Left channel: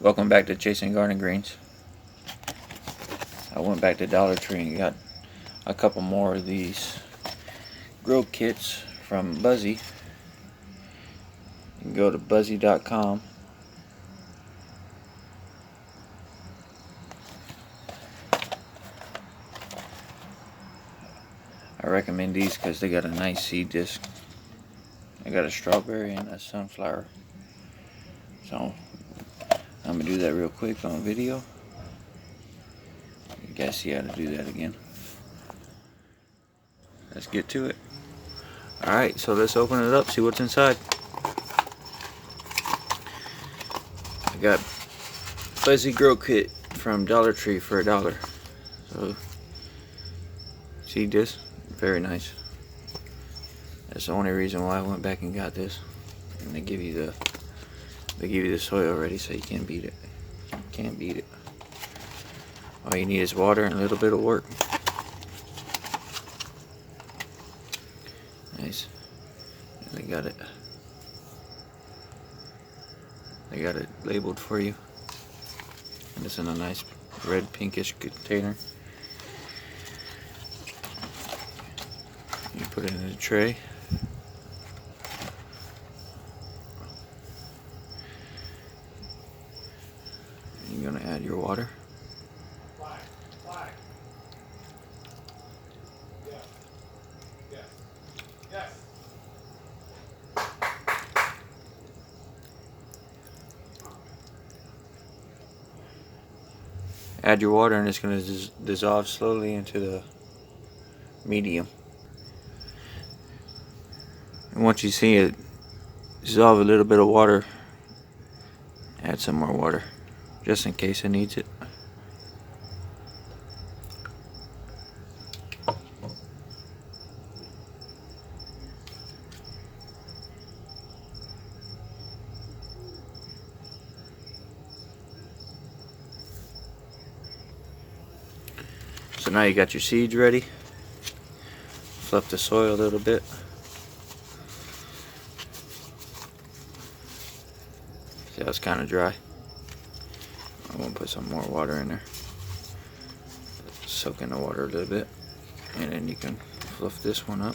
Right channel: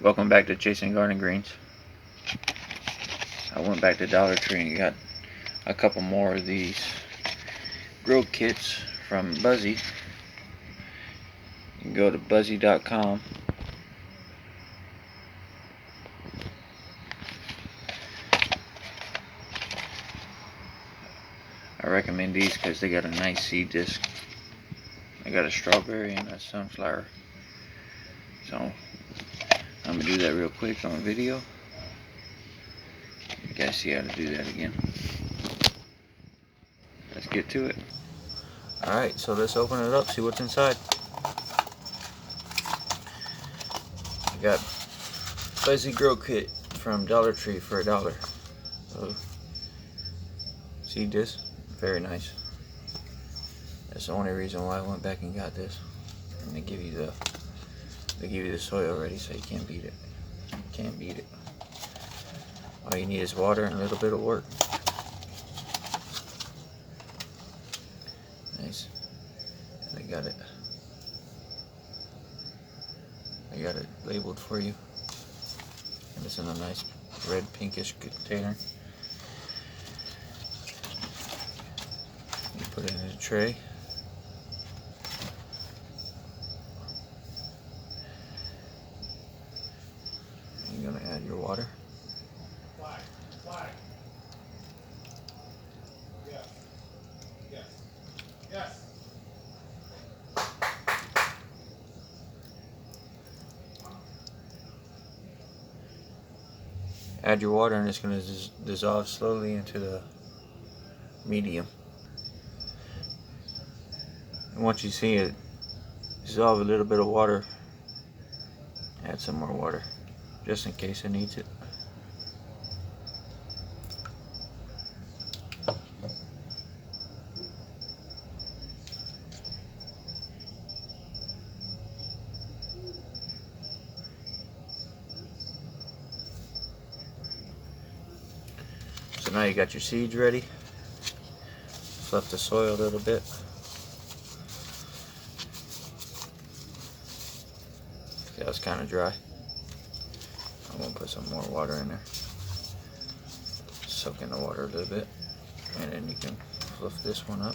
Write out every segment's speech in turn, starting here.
Welcome back to Chasing Garden Greens. I went back to Dollar Tree and got a couple more of these grow kits from Buzzy. You can go to buzzy.com. I recommend these because they got a nice seed disc. I got a strawberry and a sunflower. So I'm going to do that real quick on video. You guys see how to do that again. Let's get to it. Alright, so let's open it up, see what's inside. I got Buzzy Grow Kit from Dollar Tree for $1. So, see this? Very nice. That's the only reason why I went back and got this. And they give you the soil already, so you can't beat it. You can't beat it. All you need is water and a little bit of work. Nice. And they got it labeled for you. And it's in a nice red pinkish container. You put it in a tray. And you're going to add your water. Add your water and it's going to dissolve slowly into the medium. And once you see it dissolve a little bit of water, add some more water just in case it needs it. So now you got your seeds ready. Fluff the soil a little bit. See how it's kind of dry. I'm gonna put some more water in there. Soak in the water a little bit, and then you can fluff this one up.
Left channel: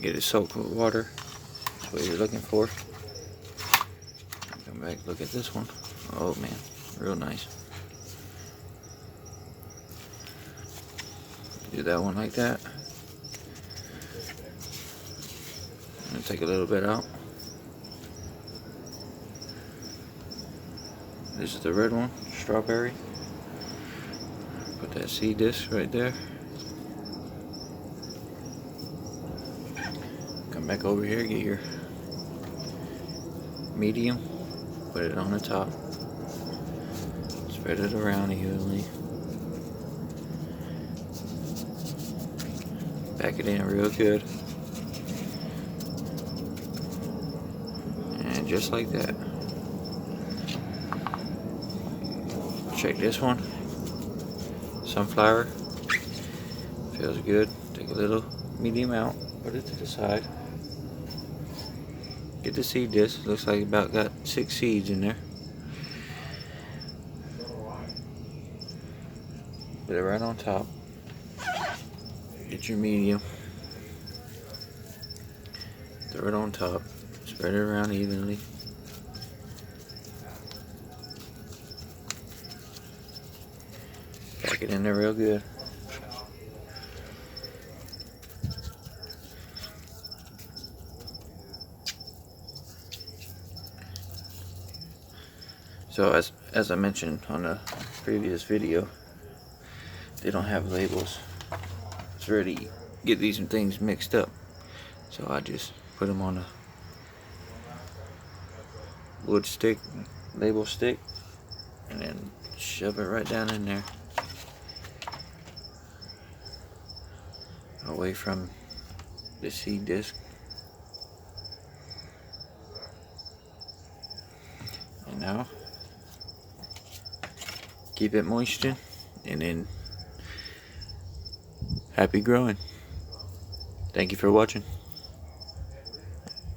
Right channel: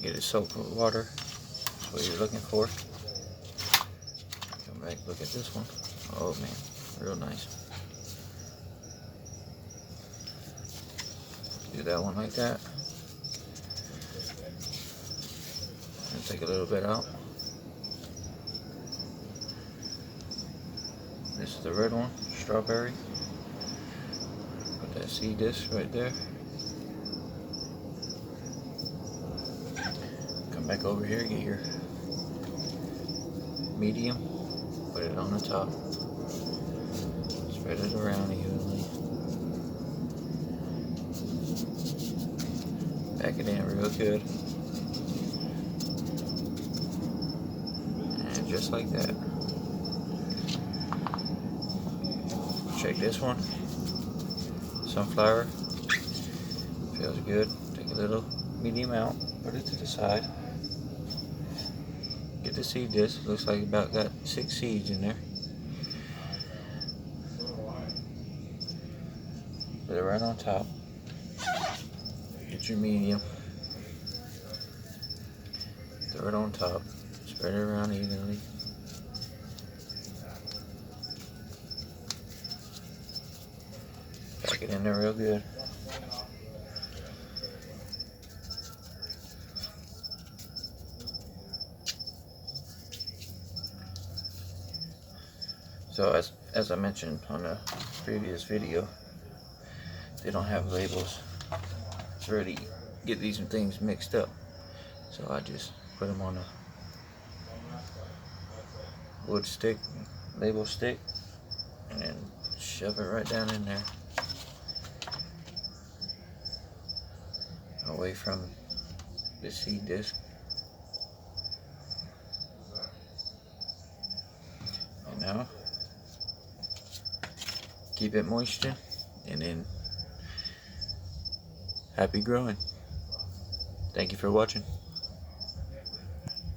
Get it soaked with water. That's what you're looking for. Come back, look at this one. Oh man, real nice. Do that one like that. And take a little bit out. This is the red one, strawberry. Put that seed disc right there. Come back over here, get your medium, put it on the top, spread it around evenly, pack it in real good, and just like that. Check this one, sunflower, feels good. Take a little medium out, put it to the side. Get the seed disc. Looks like about got 6 seeds in there. Put it right on top. Get your medium. Throw it on top. Spread it around evenly. Pack it in there real good. So as I mentioned on a previous video, they don't have labels. It's ready to get these things mixed up. So I just put them on a wood stick, label stick, and then shove it right down in there, away from the seed disc. Now, keep it moistened, and then happy growing. Thank you for watching.